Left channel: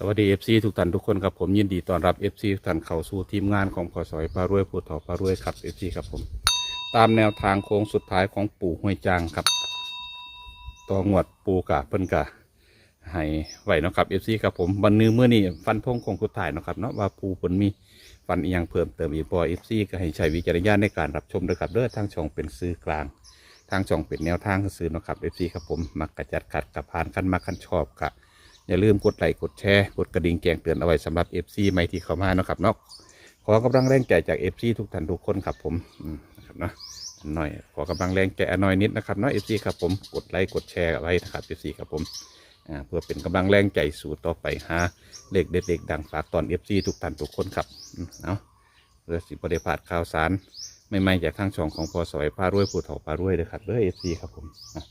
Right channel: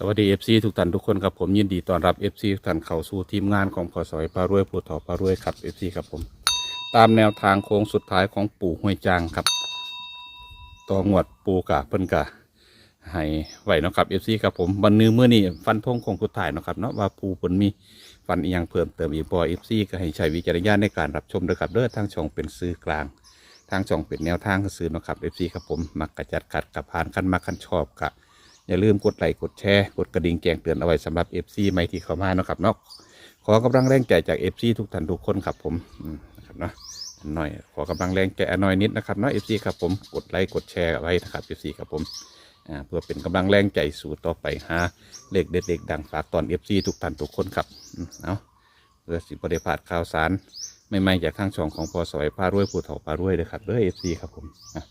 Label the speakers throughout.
Speaker 1: สวัสดีเอฟซีทุกท่านทุกคนครับผมยินดีต้อนรับเอฟซีทุกท่านเข้าสู่ทีมงานของพอสอยพารวยผู้ถอพารวยครับเอฟซีครับผม ตามแนวทางโค้งสุดท้ายของปู่ห้วยจางครับต่องวดปูกะเพิ่นกะให้ไหวเนาะครับเอฟซีครับผมวันนี้เมื่อนี้ฟันธงของสุดท้ายเนาะครับเนาะว่าปูเพิ่นมีฟันอีหยังเพิ่มเติมอีกบ่เอฟซีก็ให้ใช้วิจารณญาณในการรับชมด้วยครับเด้อทางช่องเป็นซื้อกลาง ทางช่องเป็นแนวทางซื้อเนาะครับเอฟซีครับผมมักกระจัดขัดกับพานขั้นมาขั้นชอบกะ อย่าลืมกดไลค์กดแชร์กดกระดิ่งแจ้งเตือนเอาไว้สำหรับ FC ใหม่ที่เข้ามาเนาะครับเนาะขอกำลังแรงใจจาก FC ทุกท่านทุกคนครับผมอืมนะครับเนาะนหน่อยขอกำลังแรงใจอนหน่อยนิดนะครับเนาะ FC ครับผมกดไลค์กดแชร์ไว้นะครับ FC ครับผมอ่าเพื่อเป็นกำลังแรงใจสู่ต่อไปหาเลขเด็ดๆดังฝากตอน FC ทุกท่านทุกคนครับเอาเพื่อสิบริพลาดข่าวสารไม่ไม่จากทางช่องของพอสอยพารวยผู้ถอพารวยเลยครับเด้อ FC ครับผมอะ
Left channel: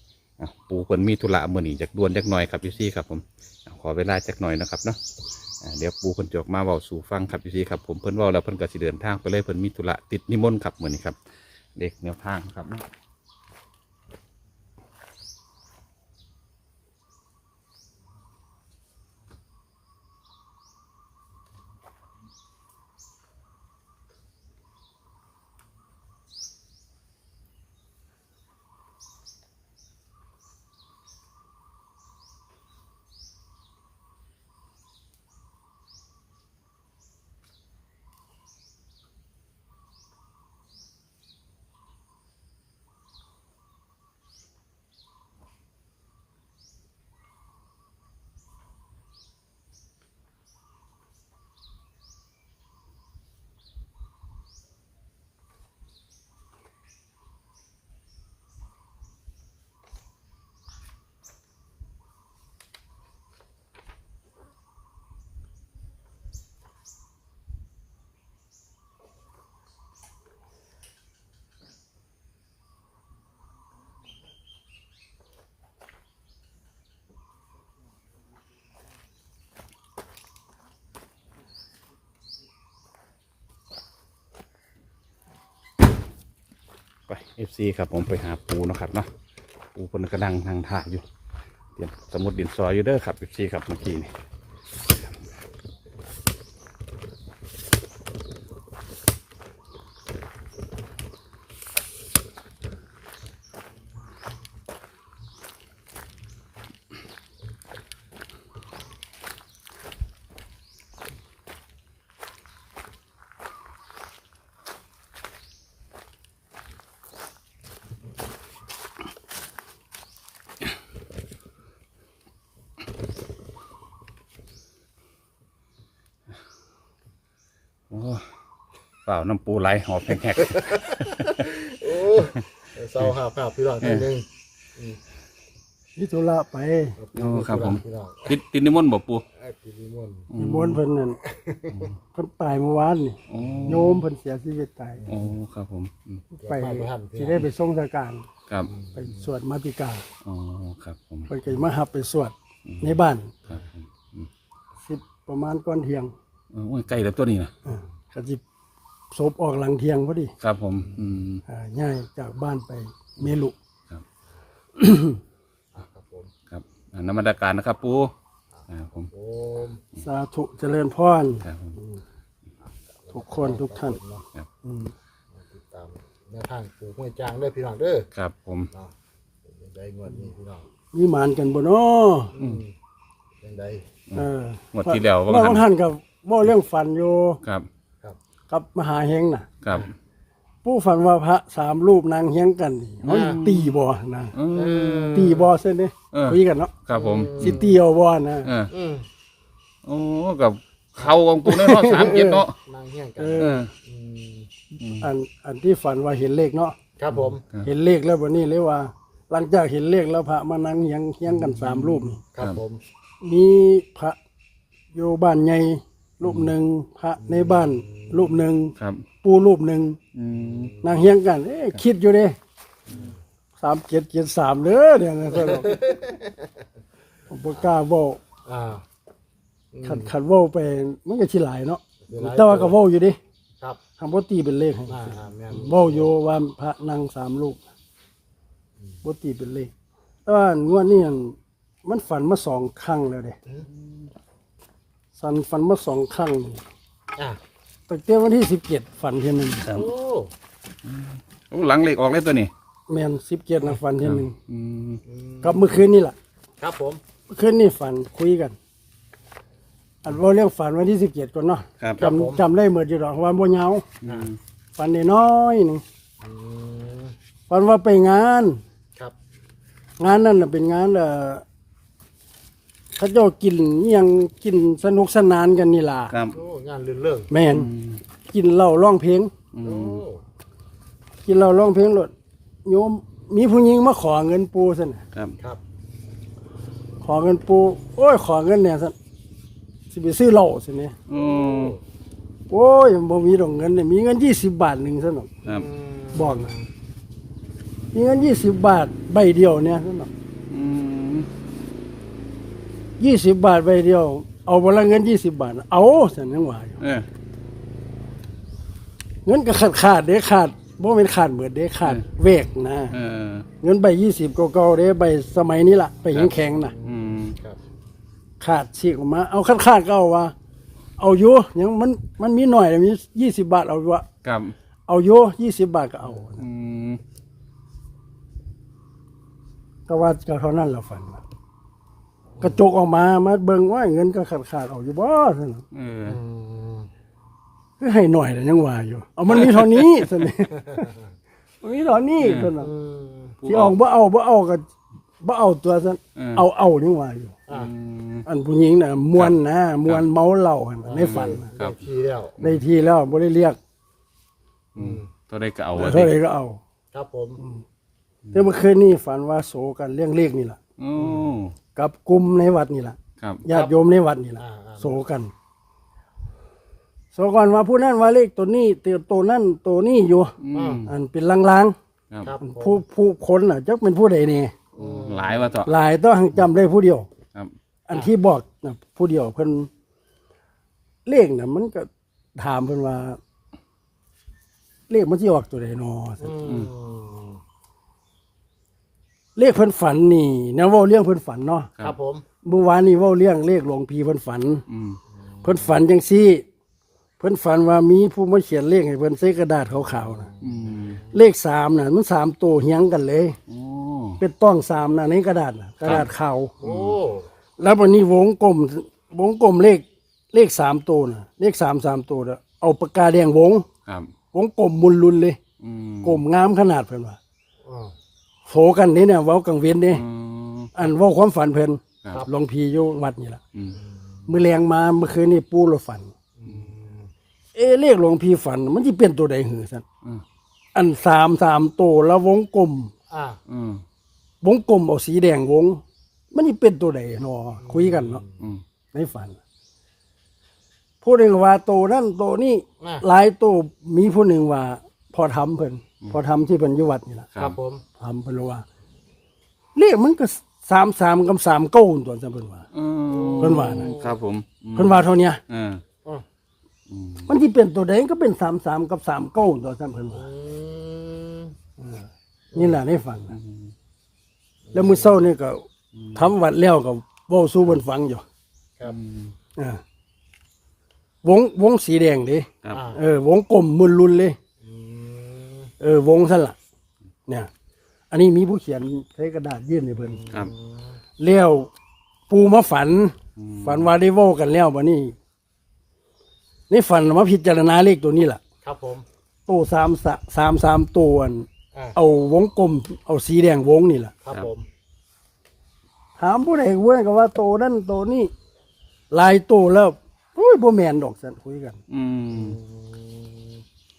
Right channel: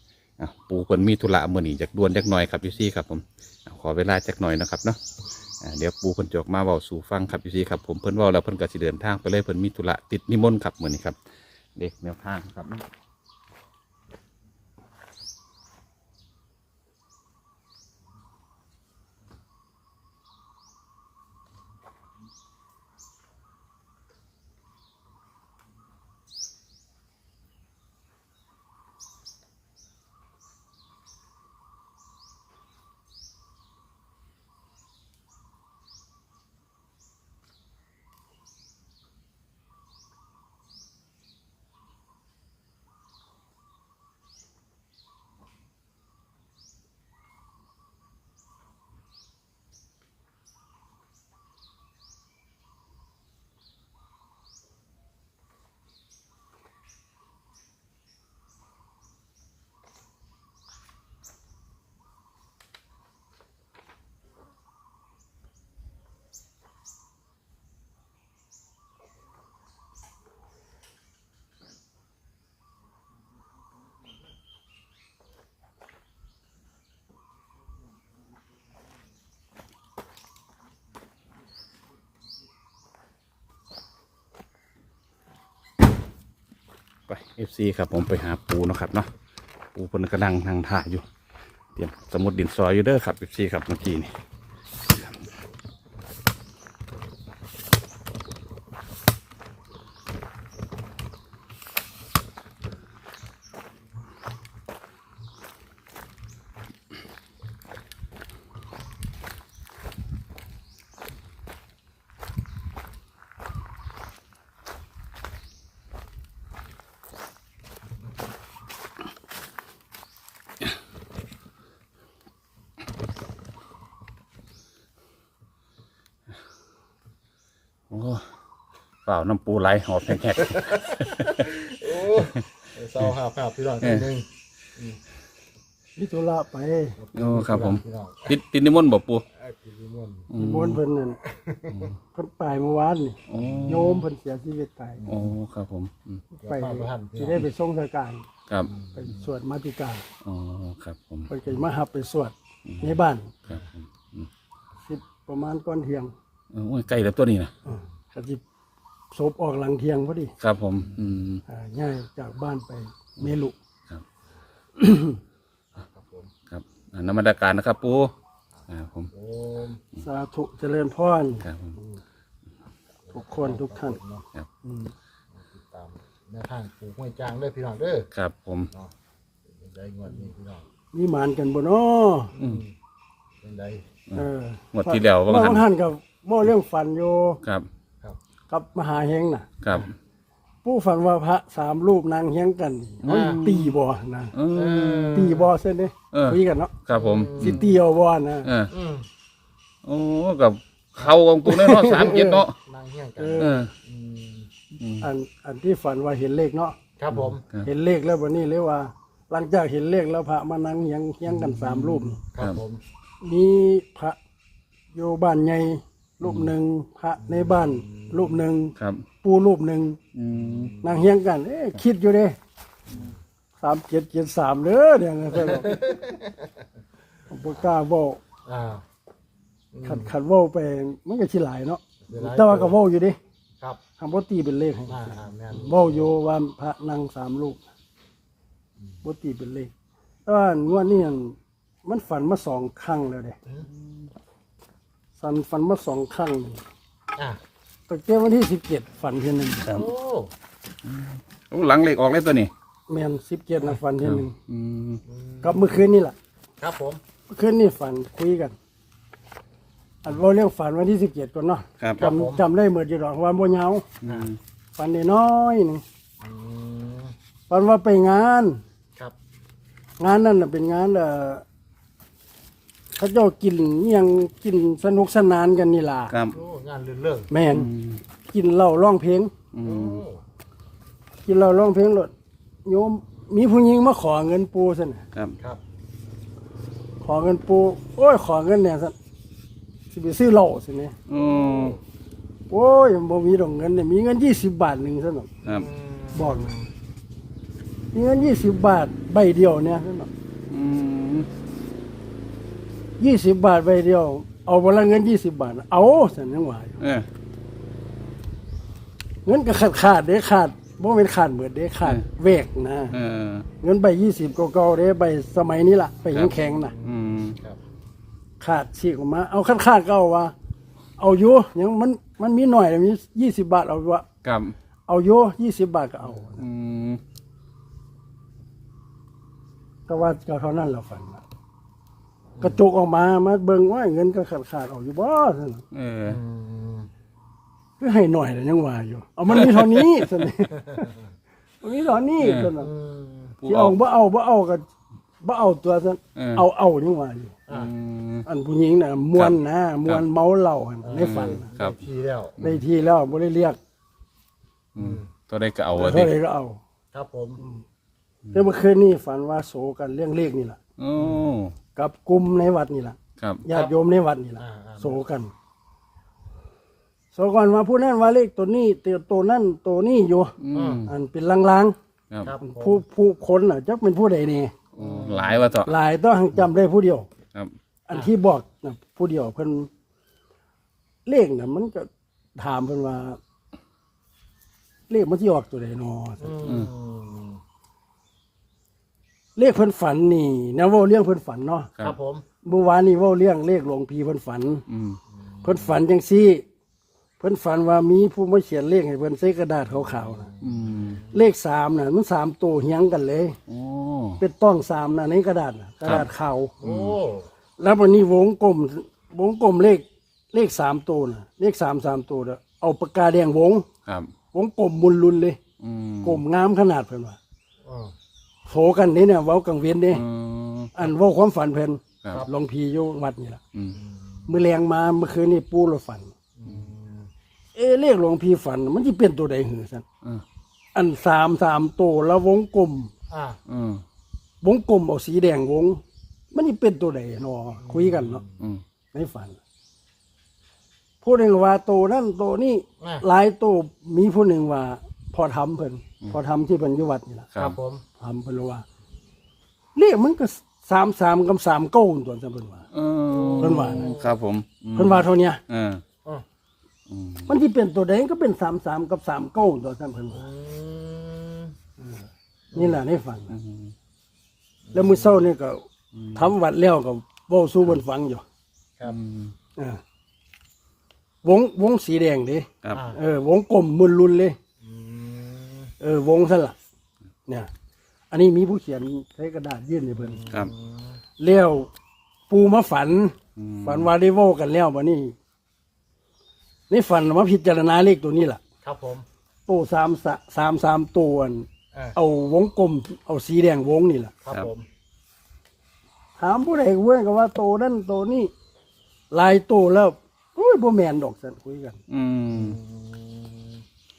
Speaker 1: อะปูเพิ่นมีธุระเมื่อนี้จากด่วนจากน่อยครับ FC ครับผม ขอเวลาจักหน่อยนะครับเนาะเดี๋ยวปูเพิ่นจอกมาเว้าสู่ฟังครับพี่ซีครับผมเพิ่นว่าแล้วเพิ่นก็สิเดินทางไปเลยเพิ่นมีธุระติดนิมนต์ครับมื้อนนี้ครับ เด็กเนวทางครับ ไป FC ครับผมไปหาปูนะครับเนาะปูเพิ่นกำลังทางท่าอยู่เตรียมสมุดดินซอยอยู่เด้อครับ FC ครับเมื่อกี้นี่ เปล่าน้ำปูไหลหอบแหก
Speaker 2: โอ้เศร้าหาภาพพี่น้องทีหนึง
Speaker 3: นิตุระไป
Speaker 1: ๆโอ้ครับผม
Speaker 2: พี่น้อง
Speaker 1: ติดติดนิมนต์บ่ปู
Speaker 2: ไอ้พี่นิมนต์
Speaker 1: อื
Speaker 3: นิ
Speaker 1: ม
Speaker 3: มนต์เพิ่นนั่นเพิ่นตายเมื่อวานนี่
Speaker 1: โอ้
Speaker 3: โยมเพิ่นเสียชีวิตตาย
Speaker 1: โอ้ครับผมอืม
Speaker 3: ไป
Speaker 2: เดี๋ยวพาไปหันพี่
Speaker 3: สิ
Speaker 2: น้อง
Speaker 3: ได้ไปส่งสการ
Speaker 1: ครับ
Speaker 3: ไปสวดมาติกา
Speaker 1: อ๋อครับผม
Speaker 3: เพิ่นก็มาหับไปสวดในบ้าน
Speaker 1: ครับผมอืม
Speaker 3: สิประมาณก่อนเที่ยง
Speaker 1: โอ้ยใกล้แล้วตัวนี้นะ
Speaker 3: อ่าก็สิ ศพออกหลังเที่ยงพอดี
Speaker 1: ครับผม อืม
Speaker 3: อ่าย้ายจากบ้านไปเมลุ
Speaker 1: ครับ
Speaker 2: ครับผม
Speaker 1: ครับอ่านมัสการนะครับปูอ่าผม
Speaker 2: โอ้ม
Speaker 3: สาธุเจริญพร
Speaker 1: ครับผม
Speaker 3: ทุกคนทุกท่าน
Speaker 2: เนาะ
Speaker 3: อืม
Speaker 2: ติดตามแนวทางปลูกห้วยจางเด้อพี่น้องเด้อ
Speaker 1: ครับผม
Speaker 2: เนาะเป็นได้งวดนี้พี่น้อง
Speaker 3: มีหมานกันบ่เนาะ
Speaker 1: อืม
Speaker 2: เป็นได้
Speaker 3: เออ
Speaker 1: หมดที่แล้วว่า
Speaker 3: ว่า
Speaker 1: งั้น
Speaker 3: บางท่านก็บ่เรื่องฝันอยู่
Speaker 1: ครับ
Speaker 2: ครับ
Speaker 3: กับมหาเฮงน่ะ
Speaker 1: ครับ
Speaker 3: ผู้ฝันว่าพระสามรูปนางเฮียงกันนี่มันตีบ่นะ
Speaker 1: เออ
Speaker 3: ตีบ่เส้นนี่
Speaker 1: เออ
Speaker 3: คุยกันเนาะ
Speaker 1: ครับผม
Speaker 3: สิตีเอาบ่นะ
Speaker 1: เออ
Speaker 2: อืม
Speaker 1: โอ้กับเขาของปูเนาะสามเจ็ดเนาะ
Speaker 2: นางเฮี้ยงกัน
Speaker 3: เอ
Speaker 1: เอ
Speaker 3: อ
Speaker 1: อ
Speaker 2: อืม
Speaker 1: อืม
Speaker 3: อันอันที่ฝันว่าเห็นเลขเนาะ
Speaker 2: ครับผม
Speaker 1: ครับ
Speaker 3: เห็นเลขแล้ววันนี้เลยว่า หลังจากเห็นเลขแล้วพระมานั่งเฮียงเฮียงกันสามรูปนี่
Speaker 2: ครับผม
Speaker 3: มีพระอยู่บ้านใหญ่ รูปหนึ่งพระในบ้านรูปหนึ่ง
Speaker 1: ครับ
Speaker 3: ปูรูปหนึ่ง
Speaker 1: อืม
Speaker 3: นางเฮียงกันเอ๊ะคิดอยู่เด้สามเจ็ดเจ็ดสามเด้อเดี๋ยวนะใช่บอกผมบ่กล้าเว้า
Speaker 2: อ่าอืม
Speaker 3: ขัดขัดเว้าไปมันก็สิหลายเนาะ
Speaker 2: เวลา
Speaker 3: แต่ว่าก็เว้าอยู่เดิ
Speaker 2: ครับ
Speaker 3: คำว่าตีเป็นเลขให้
Speaker 2: อ่าอ่าแม่น
Speaker 3: เว้าอยู่ว่าพระนางสามลูกบ่ตีเป็นเลขแต่ว่างวดนี้อั่นมันฝันมาสองครั้งแล้วเด้
Speaker 2: อืม
Speaker 3: ฝันฝันมาสองครั้งนี่
Speaker 2: อะ
Speaker 3: ตั้งแต่วันที่สิบเจ็ดฝันเทียหนึง
Speaker 1: ครับ
Speaker 2: โอ้
Speaker 1: โอ้หลังเหล็กออกเลยตัวนี้
Speaker 3: แมนสิบเจ็ดนะฝันเทียหนึง
Speaker 1: อืม
Speaker 3: กับเมื่อคืนนี่แหละ
Speaker 2: ครับผม
Speaker 3: เมื่อคืนนี่ฝันคุยกัน อันว่าเรื่องฝันวันที่สิบเจ็ดก่อนเนาะ
Speaker 1: ครับ
Speaker 3: จำจำได้เหมือนอยู่หรอกว่าโมยาว
Speaker 1: อืม
Speaker 3: ฝันน้อยๆหนึง
Speaker 2: อืม
Speaker 3: ฝันว่าไปงาน
Speaker 2: ครับ
Speaker 3: งานนั่นน่ะเป็นงานเอ่อ เขาเจ้ากินอิหยังกินสนุกสนานกันนี่ล่ะ
Speaker 1: ครับ
Speaker 2: โอ้งานเรื่องเรื่อง
Speaker 3: แม่นกินเหล้าร้องเพลง
Speaker 1: อื
Speaker 2: โอ้
Speaker 1: ม
Speaker 3: กินเหล้าร้องเพลงรถโยมมีผู้หญิงมาขอเงินปูซั่นน่ะ
Speaker 1: ครับ
Speaker 2: ครับ
Speaker 3: ขอเงินปูโอ้ยขอเงินเนี่ยซั่นสิไปซื้อเหล้าซั่นนี่
Speaker 1: โอ้
Speaker 3: โอ้ยบ่มีดอกเงินเนี่ยมีเงิน20บาทหนึงซั่นน่ะ
Speaker 1: ครับ
Speaker 2: อืม
Speaker 3: บอกนะมีเงิน20บาทใบเดียวเนี่ยซั่นน่ะ
Speaker 1: อืม
Speaker 3: 20บาทใบเดียว เอาบ่ละเงิน20บาท เอาซั่นยังว่าอยู่
Speaker 1: เออ
Speaker 3: เงินก็ขาดขาดเด้ขาดบ่เป็นขาดเบิดเด้ขาด
Speaker 1: เออ
Speaker 3: เวกนะ
Speaker 1: เออ
Speaker 3: เงินใบยี่สิบเก่าๆเด้ใบสมัยนี้ล่ะใบ
Speaker 1: ครับ
Speaker 3: แข็งๆน่ะ
Speaker 1: อืม
Speaker 2: ครับ
Speaker 3: ขาดฉีกออกมา เอาขาดขาดๆก็เอาว่า เอาอยู่ยังมันมันมีหน่อยมียี่สิบบาทเอาอยู่วะ
Speaker 1: ครับ
Speaker 3: เอาอยู่ยี่สิบบาทก็เอา
Speaker 1: อืม
Speaker 3: ก็ว่าก็เท่านั้นละฝันน่ะ กระจกออกมามาเบิ่งว่าเงินก็ขาดขาดๆเอาอยู่บ่ซั่น
Speaker 1: เออ
Speaker 2: อืม
Speaker 3: คือให้หน่อยแต่ยังว่าอยู่เอามันมีเท่านี้ซั่นนี่ มันมีเท่านี้ซั่นน่ะ
Speaker 2: อืม
Speaker 1: ผู้
Speaker 3: สิ
Speaker 1: เอา
Speaker 3: เอาบ่เอาบ่เอาก็บ่เอาตัวซั่น
Speaker 1: เออ
Speaker 3: เอาเอานี่ว่าอยู่
Speaker 2: อะ
Speaker 1: อืม
Speaker 3: อันผู้หญิงน่ะมวนนะมวนเมาเหล้าหั่นน่ะในฝันน่ะ
Speaker 1: ครับ
Speaker 2: ทีแล้ว
Speaker 3: ได้ทีแล้วบ่ได้เรียก
Speaker 1: อืมตัวได้ก็เอาอะ
Speaker 3: เท่าไหร่ก็เอา
Speaker 2: ครับผม
Speaker 3: แต่เมื่อคืนนี้ฝันว่าโศกันเรื่องเลขนี่แหละ
Speaker 1: โอ้
Speaker 3: กับกลุ่มในวัดนี่แหละ
Speaker 1: ครับ
Speaker 3: ญาติโยมในวัดนี่แหละ
Speaker 2: อ่าอ่า
Speaker 3: โศกันโศกันว่าผู้นั้นว่าเลขตัวนี้เตียวตัวนั้นตัวนี้อยู่
Speaker 1: อืม
Speaker 3: อันเป็นลาง
Speaker 1: ครับ
Speaker 2: ครับ
Speaker 3: ๆ
Speaker 2: ผม
Speaker 3: ผู้ผู้คนน่ะจักเป็นผู้ใดนี่
Speaker 1: โอ้หลายว่าต่อ
Speaker 3: หลายต้องจำได้ผู้เดียว
Speaker 1: ครับ
Speaker 3: อันที่บอกน่ะผู้เดียวเพิ่นเลขน่ะ มันก็ถามเพิ่นว่า เลขมันสิออกตัวใดนอ
Speaker 2: อืม
Speaker 3: เลขเพิ่นฝันนี่นะเว้าเรื่องเพิ่นฝันเนาะ
Speaker 2: ครับผม
Speaker 3: เมื่อวานนี้เว่าเรื่องเลขหลวงพีเพิ่นฝัน
Speaker 1: อืม
Speaker 3: เพิ่นฝันจังซี่ เพิ่นฝันว่ามีผู้มาเขียนเลขให้เพิ่นใส่กระดาษขาวๆนะ
Speaker 1: อืม
Speaker 3: เลขสามน่ะมันสามตัวเฮียงกันเลย
Speaker 1: โอ้
Speaker 3: เป็นต้องสามน่ะในกระดาษน่ะกระดาษขาว
Speaker 2: โอ้
Speaker 3: แล้ววันนี้วงกลมวงกลมเลขเลขสามตัวน่ะเลขสามสามตัวน่ะเอาปากกาแดงวง
Speaker 1: ครับ
Speaker 3: วงกลมมุนลุนเลย
Speaker 1: อืม
Speaker 3: กลมงามขนาดเพิ่นว่า
Speaker 2: อ่า
Speaker 3: โฟกันนี่เนี่ยเว้ากังเวียนนี่
Speaker 1: อืม
Speaker 3: อันเว้าความฝันเพิ่น
Speaker 1: ครับ
Speaker 3: หลวงพีอยู่วัดนี่ล่ะ
Speaker 1: อืม
Speaker 3: มื้อแรงมาเมื่อคืนนี่ปู่เราฝัน เอะเรียกหลวงพี่ฝัน มันจะเป็นตัวใดหือสัน
Speaker 1: อืม
Speaker 3: อันสามสามตัวแล้ววงกลม
Speaker 2: อ่า
Speaker 1: อืม
Speaker 3: วงกลมเอาสีแดงวง มันจะเป็นตัวใดเนาะคุยกันเนาะ
Speaker 1: อืม
Speaker 3: ในฝันผู้หนึ่งว่าตัวนั่นตัวนี้
Speaker 2: อ่า
Speaker 3: หลายตัวมีผู้หนึ่งว่า พอทำเพิ่นพอทำที่เพิ่นอยู่วัดนี่แหละ
Speaker 2: ครับผม
Speaker 3: ทำเพิ่นว่าเรียกมันก็สามสามกับสามเก้าตัวจำเพิ่นว่า
Speaker 1: เออ
Speaker 3: เพิ่นว่านะ
Speaker 1: ครับผมอืม
Speaker 3: เพิ่นว่าเท่าเนี้ย
Speaker 1: เออ
Speaker 2: อ่า
Speaker 1: อืม
Speaker 3: มันที่เป็นตัวใดก็เป็นสามสามกับสามเก้าตัวจำเพิ่นว่า
Speaker 2: อืม
Speaker 3: นี่แหละในฝันแล้วมื้อเช้านี่ก็ทำวัดแล้วก็เว้าสู่เพิ่นฟังอยู่
Speaker 2: ครับ
Speaker 3: อ่าวงวงสีแดงเด้
Speaker 1: ครับ
Speaker 2: อ่า
Speaker 3: เออวงกลมมุนลุนเลย
Speaker 2: อืม
Speaker 3: เออวงสั่นล่ะเนี่ย อันนี้มีผู้เขียนใช้กระดาษยื่นให้เพิ่น
Speaker 1: ครับ
Speaker 3: เลี้ยวปูมาฝัน
Speaker 1: อืม
Speaker 3: ฝันว่าได้เว้ากันแล้วบัดนี้ในฝันมาพิจารณาเลขตัวนี้ล่ะ
Speaker 2: ครับผม
Speaker 3: โต้สามสะสามสามตัวอัน
Speaker 2: อ่า
Speaker 3: เอาวงกลม เอาสีแดงวงนี่ล่ะ
Speaker 2: ครับผม
Speaker 3: ถามผู้ใดเว้ยก็ว่าโตนั่นโตนี่หลายโตแล้วโอ้ยบ่แม่นดอกสันคุยกัน
Speaker 1: อืม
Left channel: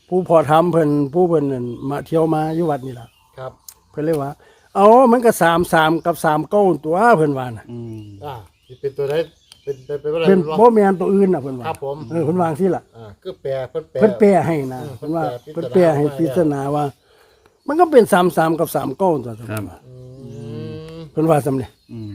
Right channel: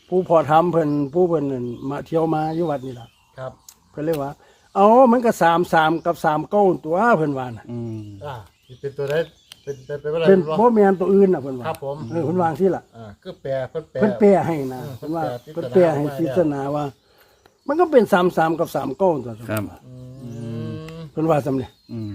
Speaker 3: ผู้พอทำเพิ่นผู้เพิ่นนั่นมาเที่ยวมาอยู่วัดนี่ล่ะ
Speaker 2: ครับ
Speaker 3: เพิ่นเลยว่า เอามันก็สามสามกับสามเก้าตัวเพิ่นว่าน่ะ
Speaker 1: อืม
Speaker 2: อ่าที่เป็นตัวไหนเป็นเป็นเป็นอะไร
Speaker 3: เป็น
Speaker 2: วะ
Speaker 3: บ่แม่นตัวอื่นน่ะเพิ่นว่า
Speaker 2: ครับผม
Speaker 3: เออเพิ่นวาจังซี่ล่ะ
Speaker 2: อ่าก็แปลเพิ่นแปล
Speaker 3: เพิ่นแปลให้นะ
Speaker 2: อืม
Speaker 3: เพิ่นว่า
Speaker 2: เพิ่
Speaker 3: เพิ่
Speaker 2: น
Speaker 3: น
Speaker 2: แป
Speaker 3: แป
Speaker 2: ล
Speaker 3: ลให้
Speaker 2: ว่า
Speaker 3: พิจารณาว่า มันก็เป็นสามสามกับสามเก้าตัว
Speaker 1: ครับ
Speaker 2: อืม
Speaker 3: เพิ่นว่าสำเร็จ
Speaker 1: อืม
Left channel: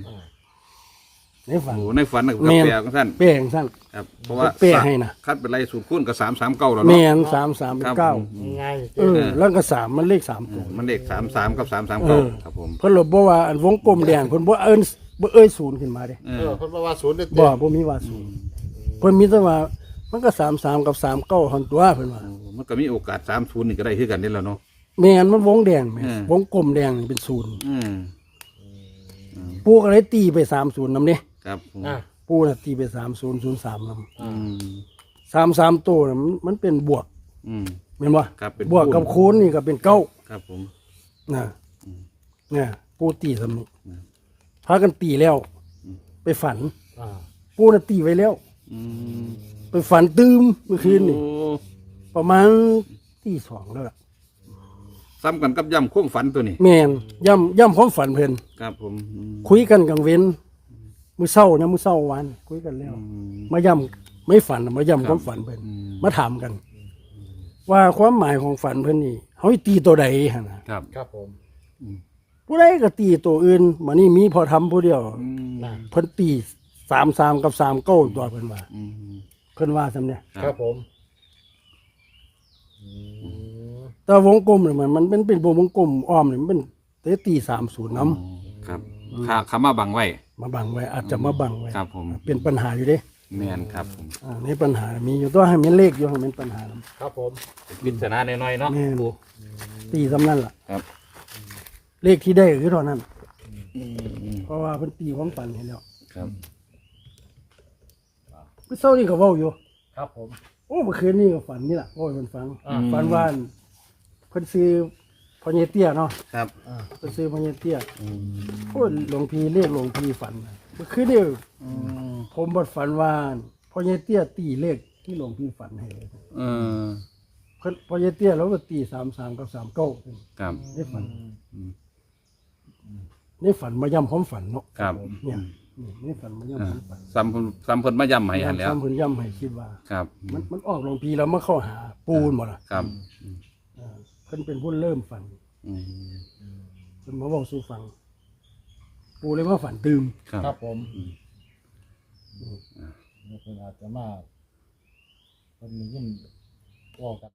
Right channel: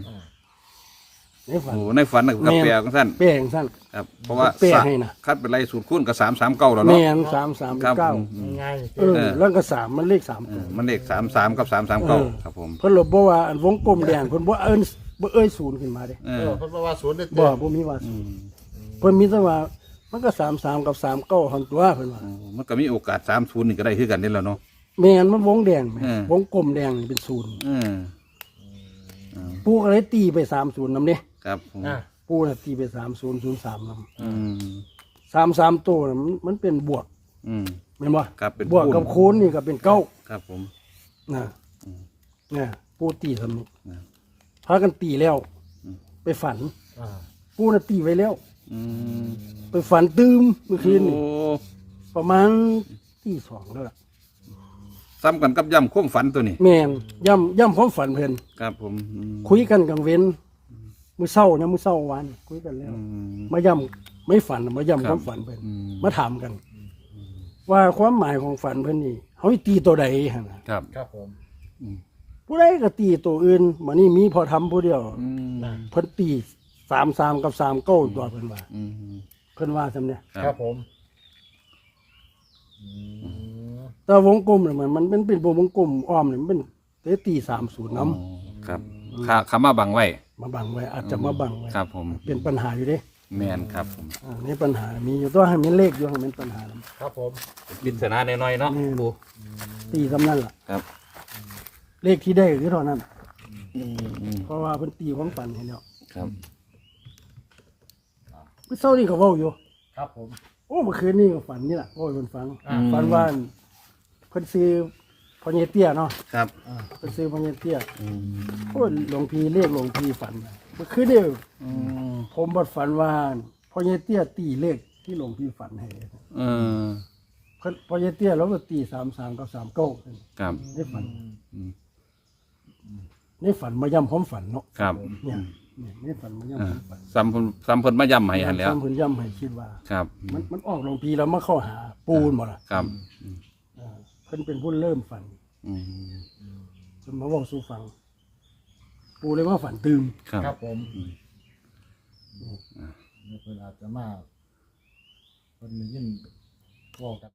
Speaker 3: ในฝัน
Speaker 1: โอ้ในฝันน่ะกับ
Speaker 3: แม่น
Speaker 1: แปลของท่าน
Speaker 3: แปลจังซั่น
Speaker 1: ครับเพราะว่า
Speaker 3: แปลให้นะ
Speaker 1: คัดเป็นไรสูตรคูณกับสามสามเก้าแล้วเนาะ
Speaker 3: แม่นสามสาม
Speaker 1: ครับ
Speaker 3: เก้า
Speaker 1: อืม
Speaker 2: ง่าย
Speaker 3: เออ แล้วก็สามมันเลขสาม
Speaker 1: เอ
Speaker 3: ตัว
Speaker 1: อมันเลขสามสามกับสามสามเก้า
Speaker 3: เออ
Speaker 1: ครับผม
Speaker 3: เพิ่นเลยบอกว่าอันวงกลมแดงเพิ่นบ่เอิ้นบ่เอ้ยศูนย์ขึ้นมาเด้
Speaker 1: เอ
Speaker 2: เอ
Speaker 1: อ
Speaker 2: อเพิ่นบอกว่าศูนย์เด็ด
Speaker 3: บ่
Speaker 2: เต็ม
Speaker 3: บ่มีว่าศูนย์เพิ่นมีแต่ว่ามันก็สามสามกับสามเก้าหันตัวเพิ่นว่า
Speaker 1: โอ้มันก็มีโอกาสสามศูนย์นี่ก็ได้ที่กันนี่แหล้วเนาะ
Speaker 3: แม่นมันวงแดงแม่
Speaker 1: อืม
Speaker 3: วงกลมแดงนี่เป็นศูนย์
Speaker 1: อืม
Speaker 3: ปูก็เลยตีไปสามศูนย์นำเด้
Speaker 1: ครับผม
Speaker 2: อะ
Speaker 3: ปูน่ะตีไปสามศูนย์ศูนย์สามนำ
Speaker 1: อืม
Speaker 3: สามสามตัวน่ะมันมันเป็นบวก
Speaker 1: อืม
Speaker 3: แม่นบ่
Speaker 1: ครับเป็น
Speaker 3: บวกกับ
Speaker 1: คูณ
Speaker 3: คูณนี่ก็เป็นเก้า
Speaker 1: ครับผม
Speaker 3: นะเนี่ยปูตีสำนุก
Speaker 1: อืม
Speaker 3: พากันตีแล้ว ไปฝัน
Speaker 2: อ่า
Speaker 3: ปูน่ะตีไว้แล้ว
Speaker 1: อืม
Speaker 3: ไปฝันตืมเมื่อคืนนี่
Speaker 1: โอ้
Speaker 3: ประมาณตีสองแล้วล่ะ
Speaker 1: ซ้ำกันกับย่ำความฝันตัวนี้
Speaker 3: แม่นย่ำย่ำความฝันเพิ่น
Speaker 1: ครับผมอืม
Speaker 3: คุยกันกลางเว้น มื้อเช้านะมื้อเช้าวันคุยกันแล้ว
Speaker 1: อืม
Speaker 3: มาย่ำไม่ฝันมาย่ำ
Speaker 1: ค
Speaker 3: ครับวามฝันเพิ่น
Speaker 1: อืม
Speaker 3: มาถามกัน ว่าความหมายของฝันเพิ่นนี่เขาให้ตีตัวใดหั่นน่ะ
Speaker 1: ครับ
Speaker 2: ครับผม
Speaker 3: ผู้ใดก็ตีตัวอื่นมานี่มีพอทำผู้เดียว
Speaker 1: อืม
Speaker 2: นะ
Speaker 3: เพิ่นตีสามสามกับสามเก้าตัวเพิ่นว่า
Speaker 1: อืม
Speaker 3: เพิ่นว่าซำเนี่ย
Speaker 2: ครับผมอืม
Speaker 3: แต่วงกลมเนี่ยมันมันเป็นเป็นวงกลมอ้อมเนี่ยมันเป็นเตตีสามศูนย์น้
Speaker 1: อ๋อครับขาขามาบังไว้ำ
Speaker 3: มาบังไว้อาจจะมาบังไว้
Speaker 1: ครับผม
Speaker 3: เป็นปัญหาอยู่เด้
Speaker 1: แมนครับผม
Speaker 3: อ่าในปัญหามีอยู่ตัวให้มันเลขอยู่ให้มันปัญหา
Speaker 2: ครับผม
Speaker 1: เป็นปริศนาน้อยๆเนาะ
Speaker 3: แม่น
Speaker 1: ปู
Speaker 3: ตีสำนั่นล่ะ
Speaker 1: ครับ
Speaker 3: เลขที่ได้คือเท่านั้น
Speaker 1: อืมอืม
Speaker 3: เพราะว่าเพิ่นตีความฝันให้แล้ว
Speaker 1: ครับ
Speaker 3: เมื่อเช้านี่ก็เว้าอยู่
Speaker 2: ครับผม
Speaker 3: โอ้เมื่อคืนนี่ก็ฝันนี่ล่ะโอ้ยมันฟัง
Speaker 2: อ่า
Speaker 3: ฝันว่าเพิ่นซื้อ พ่อเยเตี้ยเนาะ
Speaker 1: ครับ
Speaker 2: อ่า
Speaker 3: เพิ่นซื้อพ่อเยเตี้ย
Speaker 1: อืม
Speaker 3: โอ้ยหลวงพี่เรียกหลวงพี่ฝันเมื่อคืนนี่
Speaker 1: อืม
Speaker 3: ผมบัดฝันว่าพ่อเยเตี้ยตีเลขที่หลวงพี่ฝันให้
Speaker 1: เออ
Speaker 3: เพิ่นพ่อเยเตี้ยเราก็ตี33กับ39
Speaker 1: ครับ
Speaker 3: ในฝัน
Speaker 1: อืม
Speaker 3: ในฝันมาย้ำความฝันเนาะ
Speaker 1: ครับ
Speaker 3: เนี่ยเนี่ยในฝันมาย้ำ
Speaker 1: อ่า
Speaker 3: ความฝัน
Speaker 1: ซ้ำเพิ่นซ้ำเพิ่นมาย่ำให้หันแหล้ว
Speaker 3: ย้ำเพิ่นย้ำให้คิดว่า
Speaker 1: ครับ
Speaker 3: มันมันออกหลวงพี่แล้วมาเข้าหาปูนบ่ล่ะ
Speaker 1: ครับ
Speaker 3: อ่า เพิ่นเป็นผู้เริ่มฝัน
Speaker 1: อืม
Speaker 3: เพิ่นมาเว้าสู่ฟัง ปูเลยว่าฝันตื่ม
Speaker 1: ครับ
Speaker 2: ครับผมเพิ่นอาจจะมาเพิ่นได้ยินเว่ากัน